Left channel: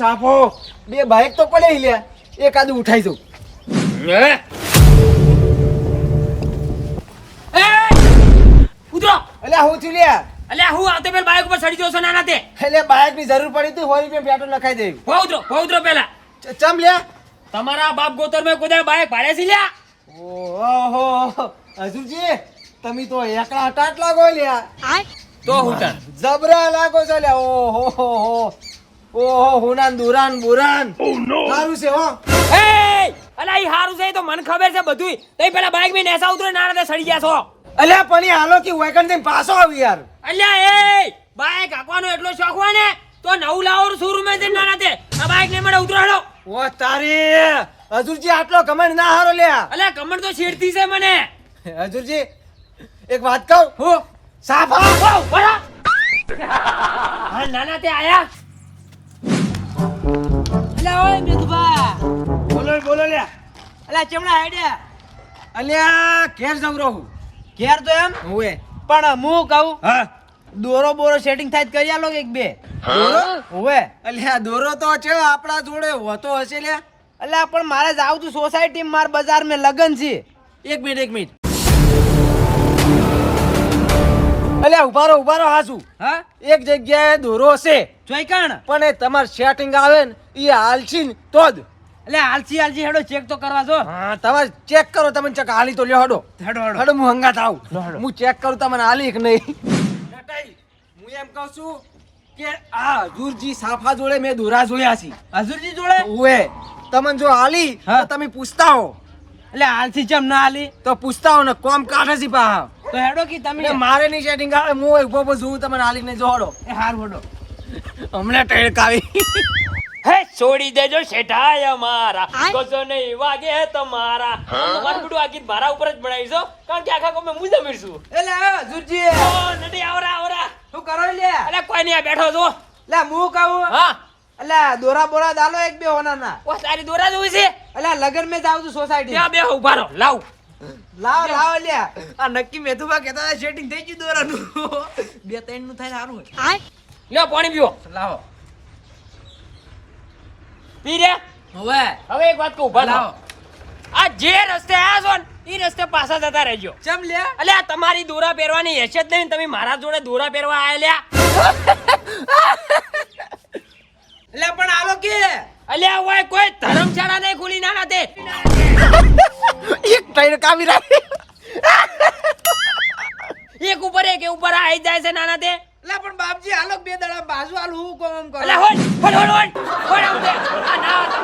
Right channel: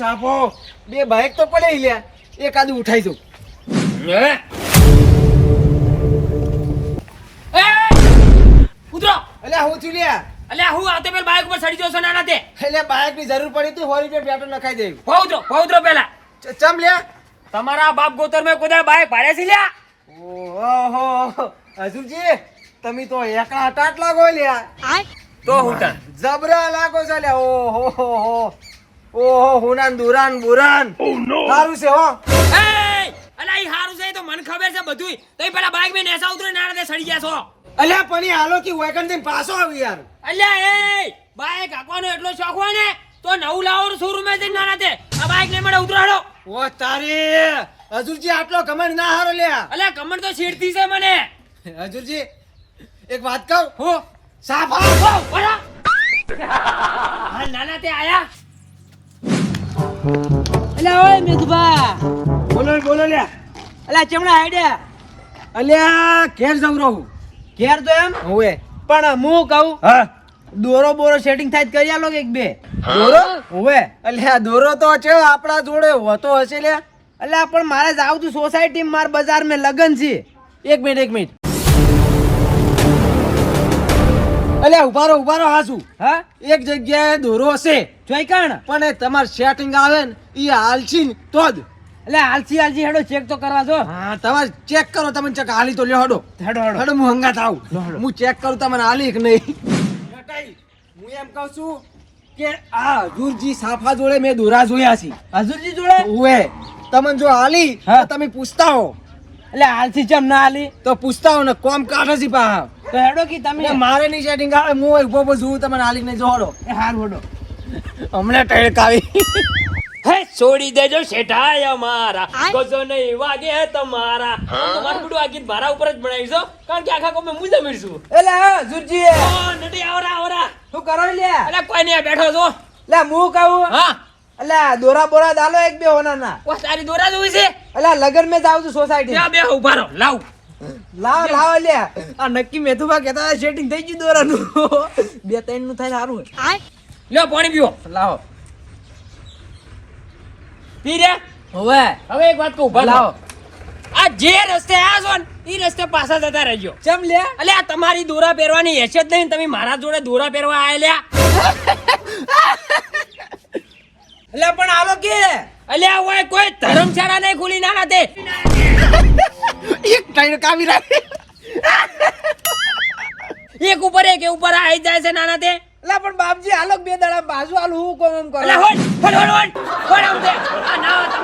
સાફો. બે બાઇક તો પડે લ્યા એકાદું ઉઠાઈ દઉં ઉતરો! અલ્યા હું છું લ્યા. અલ્યા હું આવતે પેલા બાઈક ઉપર ચડી જશો નાના તે. એટલે બાઈકની જરૂર પડી તું હોળી રૂપિયા પેટ્રોલ નખાઈ દેવું. હો ઉતરો હો ઉતરો પેલા ચમ લ્યા? તમારા બાપ ગોતર મેં કોઈ બાઈક ભાડે છે લ્યા? ઓહો હજુજી તમે તો એકલા હટાટ લાગો લ્યા. તો હુટા જબરા લાગો છે લ્યા. ઓહો હો હો. ઓહો હુનાન દુરાન બુરાન. સારું છે હો. એ અલ્યા ઈ હારું છે તો મને ખબર છે બધુંય. તઈ પેલા બાઈક મેં નેસા ઉતરે તે સડી ગયા છો. અલ્યા પણ હાલો કે વેકનથી પાછો આવી યાર. અલ્યા એ બાઈક હાંકવાનો એટલો શોખ હોય ને તો નવું લાવો શોરૂમમાં જઈને નાના તે. આ બાઈક ને મને ઉતરાડો ઓ તારી. હજુરજી આટલો કમેન્ટ ના હારો લે અલ્યા કમર તો છેડતી છે મને. હજુરજી એક વાત કહું? હું? સાફ હો બરા. નાના તે આયા. અલ્યા ઓય મિતુભા બોલો બોલો લ્યા. અલ્યા ચમડા હેડે. અલ્યા ઘેર જમ રહું. ઘેર તો એમ? હોવે પણ હું કહું હા. દોરો બોરો સેટિંગ થાય કરી આલો કે એક બે. દોરો? હોવે અલ્યા દોરો તો છે આપણા જોડે હોતો હશે લ્યા. અલ્યા પણ મારે જાવ તું સોસાયટી માર બજાર મેં લગન છે. એક મિનિટ એક મિનિટ. અલ્યા ઉભારો ઉભારો હાસુ હા? એક જગ્યાએ દોરો હશે. જોઈ કણ? પણ એ તમારે સેટિંગ આવે ને એ હાલશી ને તો જ. એટલે હાલસી હાલસી હેડો ચેક તો કરવા જો. હા તમારે ચેક કરો તમે ચક હાલી તો લ્યો હડો. હેડો હેડો. હડો હું હંગાત આવું. હું ચેક કરું તમને હાલી કે નહીં? હું એમ કહું છું કે આ હજુરજી સાફા જોડે મેં દોરા જોયા છે. હજુરજી જોડે? ઓએ તમને જો હાલી હા. તમે પૂછતા હો. અલ્યા હાલસી ચમ ના હાલી તો પૂછતા હો ને કોમ કાઢે છે પા તો હેડો કે તમે. મારે નહીં સેટિંગ આવે હું ઊભો ઊભો જોઉં તમને હાલી નહીં જોડો. એ હાર હેડો. હમણાં ટળકાવી હે છોડી દેજો શેઠાય અમારા. ગજો નહીં વાગે તમારા. તમારું બધું આ મારા ઉપર જ બનાવીશો કારણ કે આખા કોમે હું જમીશું અલ્યા જુરજી ઓ નટી આવરા આવરા. શું કરો લે એટલે કોઈ નહીં બેઠો છો. લે હું કહું? હા. અલ્યા દોરા બોરા દાલો એક બે હોના ના ઓ તારી દોરા જોઈ છે? અલ્યા લગન મે જાવ છું સોસાયટી ત્યાં બે ઊભા રહો. લાવ. લાવ લાવ અલ્યા. આ નક્કી મેથુભા કહેતા હતા સેટિંગ થઈ ગયું દોરાનું. બે ત્રણનું થાય સારું હોય. લ્યો પાણી પીઓ. લાવો. પી રે હવે. હવે એક વાત કહું ઊભા લાવો. આ જે રસ્તે આ છો ને એ રસ્તે પાછા જતા રહેજો. ચમ લે અલે આ તમારી દોરા પહેરવાની હેસિયત નહીં તમે મારા જોડે દોરા પહેરવા આયેલા એટલે પણ આલો કે? અલ્યા ઓય કોઈ ધર્મશાળા નહીં ખુલી ના ના એક એક કામી રાખે. એક ઉપર એક ઉપર આવી જાય છે નાના તે. એટલે પણ બાપજી આલો બે દડા બાજુ આલો હું કોમ એમ કરો. અલ્યા હોડ હોડ હોડ હોડ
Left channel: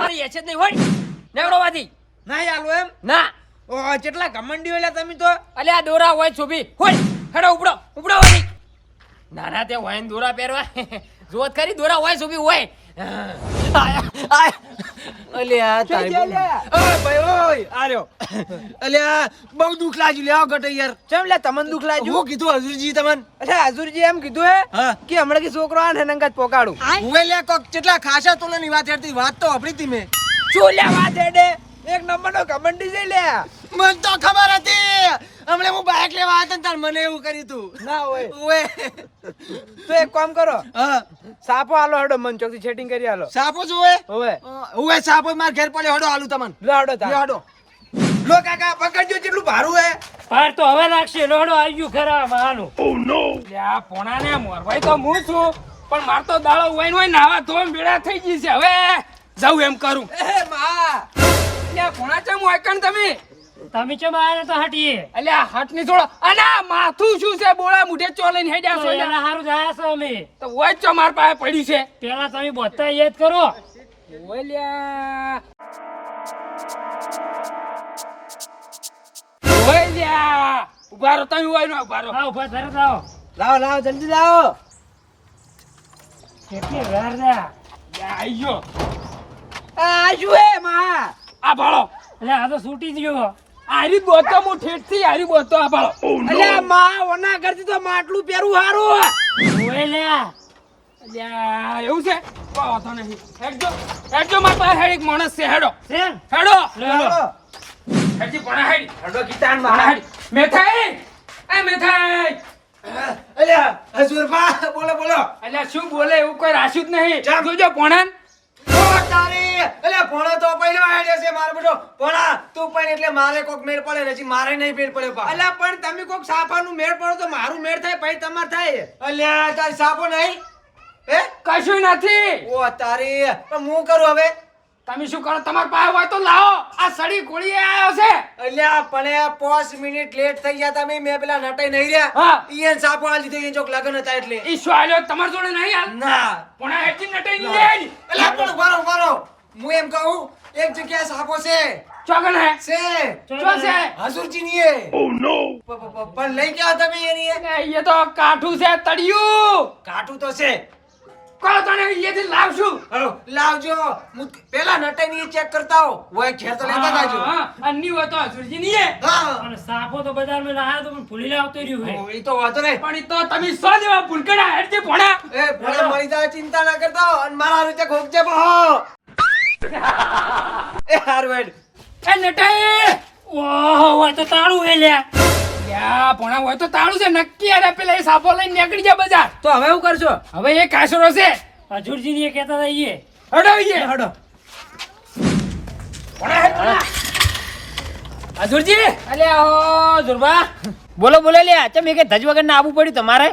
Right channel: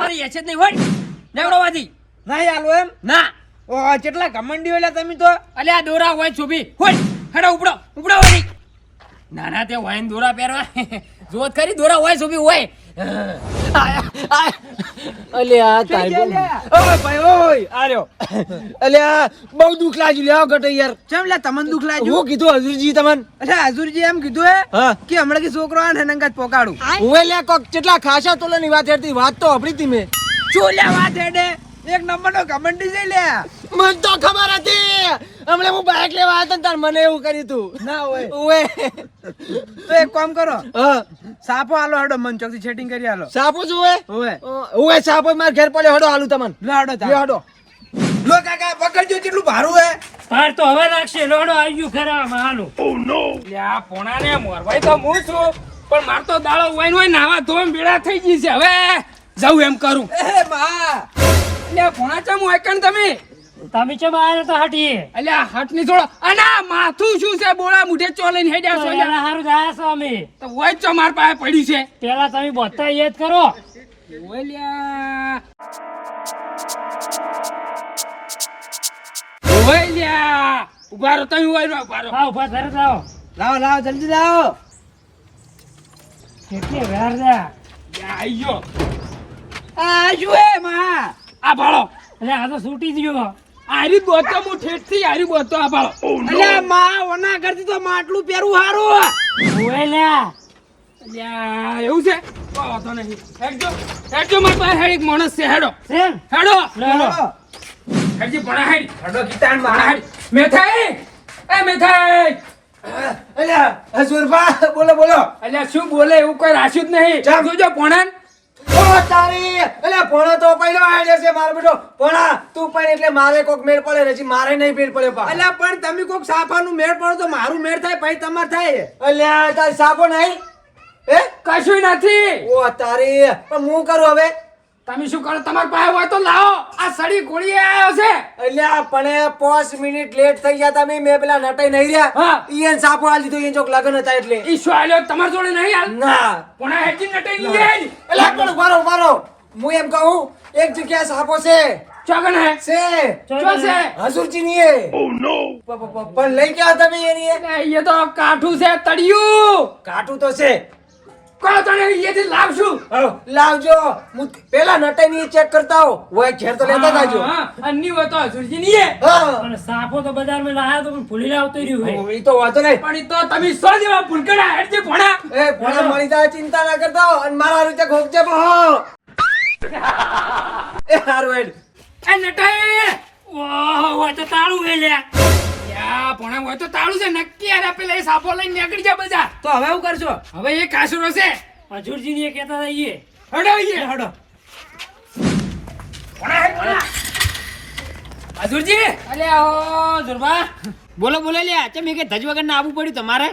હોડ છે નહીં હોય. નેવડોવાથી ના આલો એમ? ના. ઓ કેટલા ઘમંડી હોય તમે તો. અલ્યા આ દોરા હોય છુબી હોડ હેડો ઉપડો ઉપડો નાના તે હોય દોરા પહેરવા. જોત ખરી દોરા હોય છુબી હોય. અલ્યા બહુ- અલ્યા દુઃખ લાગ્યું લ્યા ગટે યાર. કેમ લે તમને દુઃખ લાગ્યું? હું કીધું હજુરજી તમને? એટલે હજુરજી એમ કીધું હે કે હમણાં કે છોકરો આ ને નંગા પોકાડું હું લે કોક કેટલા ખાસા તોલાની વાત હેડતી વાત તો આપડી તી મેં. શું લે વાત હેડે? એક નંબર નો ઘમંડી છે લે મને તો ખબર હતી. હમણાં હું બાઇક લેવા આવ્યો ને તાર મને એવું કર્યું તું. ના હોય. ઓએ તો એક કામ કરો. હા. સાપો આલો હડો મન ચોકથી સેટિંગ કરી આલો સાપો જોવે હવે. ઓએ સાપો માર ઘેર પડ્યો હડો હાલું તમને. લે હડો લે હડો. લો કાકા પકડજો જેટલું ભારું હે. ભાર તો હવે લાગશે લોડો ગયું ખરા માનું ઓ નો આ પોણાને મોરવાય તો હું છું પણ માર તો દાળો વાઈન હોય નાવા ધોમ બીડા થઈ ગઈ છે. હવે જાઉં એમ કરું. એ મા. લે પોણા ચમ વાકણ તમે? તમે ચમ આયા તો હટીએ? એટલે હટની થોડો અના માથું શું છે? બોળા મુઢે ચોલે ને હેડ્યા છો લ્યા. હારું જાયા છો અમે. તો ઓય ચો માર પાસે પડી છે. પેલા તમે બોતા યાદ કરો. ઓલ્યા લ્યા. ઊભા રહો તમે ઓય નો ઊભા રહો. હા ઊભા ધરે જાઓ. લાવો લાવો જલ્દી લાવો. કેટલી વાર જા આયો આઈ એ આ શું માં. આ ભાળો. એટલે આ તો છૂટી ગયો. આરી બોતો હું ઠેઠથી આરી બોતો આ ભાળો અલ્યા માં ઓના કરતી તો માટલું પેરું હારું ઓય લ્યા. અલ્યા એવું છે? વાંધો નહીં. હેડજો. હેડજો માર પાસે હેડ એક માણસ છે. હેડો. હેડો. હેડો. હેડજી ભણા હેડ. હેડો ગીતાન ભણા હેડ. મેથાઈ. એ મેથાઈ. અલ્યા હજુરભા બોલો બોલો. અલ્યા શું બોલે એવું કોઈ રાશ્યું જ નહીં. જોજો પોણાન ભણો તો પહેલો હેડે છે મારો બેટો. ભણા તું પણ એટલે મારે કોક મેળ પડે હજી મારે નહીં મેળ પડે પા અલ્યા પણ તમે કોક સાફાનું મેળ પડો તો મારું મેળ થાય પછી તમાર થાય. અલ્યા તારી સાપો નહીં? હે? કશું નથી. ઓ તારી પણ હું કરું હવે? તમે શું કરો? તમારી પાસે હોય તો લાવો. આ સડી ગોળી આવ્યો છે. એટલે પણ પાંચ મિનિટ લેટ થઈ ગયા તમે મેં પેલા નટાઈ નહીં રહ્યા. હા. ઈયન સાપો આ લીધો ઈયન ચોક લગન હતા એટલે. ઈ સોયલો તમારી જોડે નહીં હાલ? ના. પણ આ હેચી નટાઈ નહીં અલ્યા પણ ઉભારો ઉભારો. હું એમ કહું એક જગ્યાએ સાપો છે. ચોગન હે? છે. ચો છે હસુરજી ની પ- પ- પણ લઈ ગયા તમે એની એ? ને એ તો કાઠું છે તડિયું કાઠું તો છે. કો તને અહીંયાથી લાવશું લાવજો. હું પેલા નટાઈ ની ચેક કરતા હો વય ઘેર તો લેતા જાજો. અન્ની હોય તો હજુરજી નહીં અને સાફો તો બજારમાં લાયા તો પણ ભૂલી લાવતો રહ્યું હે એ તો વાતો નહીં. પણ તો તમે સો જેવા ભૂલકડા હેડજી ભોણા. એ ભલે મરી જાય ચિંતા ના કરતા હો. અને મારા રીતે ખોકજે બહો. એ હારું હેડ. એ નટાઈ ઓહો હોય તો તાળું હે લ્યા યા હોય તો તાળું છે. નક્કી અરે પેલા એ સાપો લઈને નીકળી જા બજાર. તો હવે શું કરશો? હવે એ કાસરો છે. હજુરજી ને કહેતા હતા ઈએ. હડો ઈએ. હડો. હજુરજી. અલ્યા ઓ જુરબા બોલો બોલો લ્યા ચમ એક ધજ વગર ના આવવું પડ્યું તમારે?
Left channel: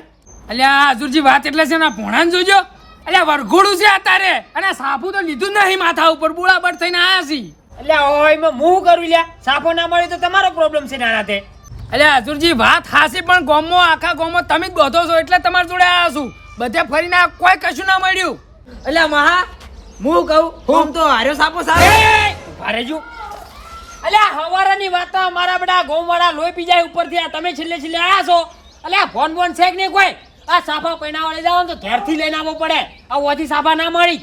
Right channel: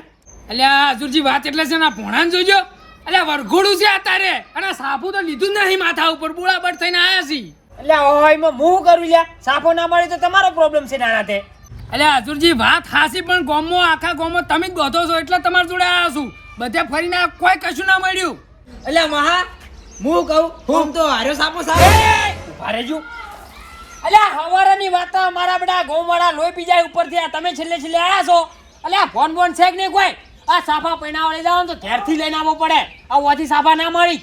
અલ્યા હજુરજી વાત એટલે છે ને ભોણાને જોજો. અલ્યા વરઘોડું છે અત્યારે. અને સાપુ તો લીધું જ નહીં માથા ઉપર. બુળાબડ થઈને આયા છી. અલ્યા ઓય એમાં હું કરું લ્યા? સાપો ના મળે તો તમારો પ્રોબ્લેમ છે નાના તે. અલ્યા હજુરજી વાત હાસી પણ ગોમો આખા ગોમો તમે જ ગોધો છો એટલે તમારી જોડે આવ્યા છું. બધે ફરીને કોઈ કશું ના મળ્યું. અલ્યા મહા હું કહું હું? તો હાર્યો સાપો સાહેબ. ઊભા રહેજો. અલ્યા હવારાની વાત મારા બધા ગોમવાળા લોહી પી જાય ઉપરથી. આ તમે છેલ્લે છેલ્લે આવ્યા છો. અલ્યા ફોન બોન છે કે નહીં કોઈ? આ સાફા પૈણા લઈ જાવ ને તો ઘેરથી લઈને આવવો પડે. આ ઓછી સાફા ના મળી.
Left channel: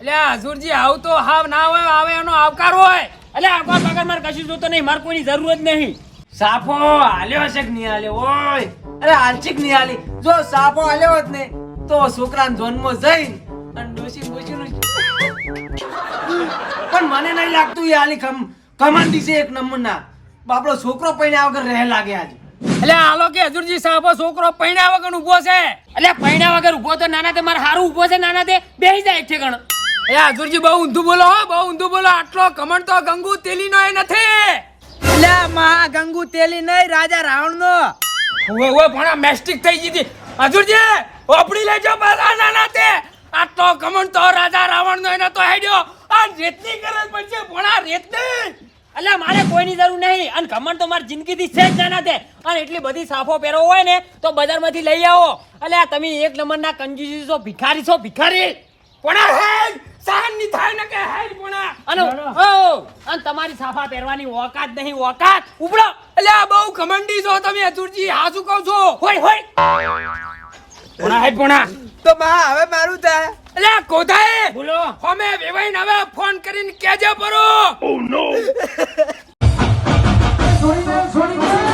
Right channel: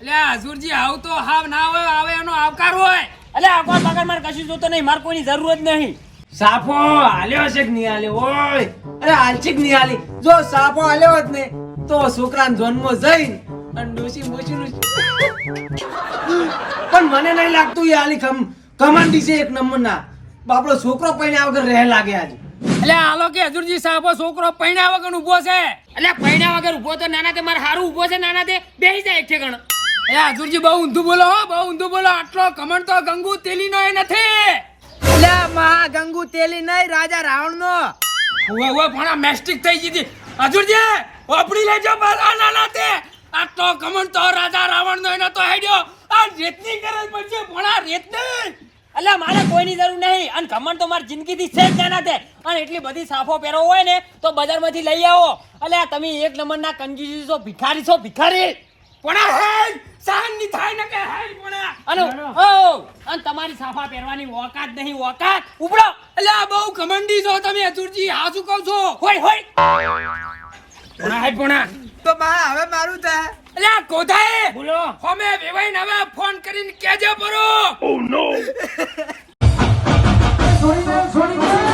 એટલે હજુરજી આવું તો હાવ ના હોય આવે એનો આવકાર હોય. એટલે આવકાર બાકાર મારે કશું જોતો નહીં મારે કોઈની જરૂર જ નહીં. સાપો હાલ્યો છે કે નહીં હાલ્યો? ઓય અરે હાલશે કે નહીં હાલી? જો સાપો હાલ્યો હોત ને તો છોકરાને જન્મ જઈ અને ડોસી બોસી પણ મને નહીં લાગતું એ હાલી ખમ કમાન્ડી છે એક નંબરના. બાપડો છોકરો પૈણા વગર રહે લાગે આજે. એટલે હાલો કે હજુરજી સાહેબો છોકરો પૈણા વગર ઊભો છે. એટલે પૈણા વગર ઊભો તો નાના તે મારે સારું ઊભો છે નાના તે બેહી જાય એક ઠેકાણ. એ હજુરજી બહુ ઊંધું બોલો હો બહુ ઊંધું બોલો. આટલો કમણ તો ગંગુ તેલીનો એ નથી. અલ્યા મહા ગંગુ તેલી નહીં રાજા રાવણ નો ઓય ઓય ભણા મેસ્ટિક થઈ ગઈ હતી. હજુરજી ઓપડી લેજો બરા ના ના તે આટલો કમન તો રાજા રાવણ નો એને તો હેડ્યો આ રેતની ગરજ પડશે ભણા રેતની. અલ્યા મારે કોઈની જરૂર નહીં. અને ખમણ તો મારી જિંદગીથી છે જ ના તે અને એટલી બધી સાફો પહેરો હોય ને તો બજારમાંથી લઈ આવો. અલ્યા તમે એક નંબરના કંજૂસી છો ભિખારી છો ભિખારી. ભણા હેડ ચાંદની થાય ને કે હાલ પણ અને ઓ અને તમારી સાફા પહેરવાની ઓકાત નહીં ઓકાત. ઉપડો એટલે આ બહુ ઘમંડી છો તમે અતુરજી. હા શું કહો છો? હોય હોય. પુણા હે પુણા તો બા હવે મારું થાય એટલે કોધાએ બોલો. હોમે વેવાઈને હવે ફોન કરીને કેજો પરો. ઓ નો છોડીને છોડીને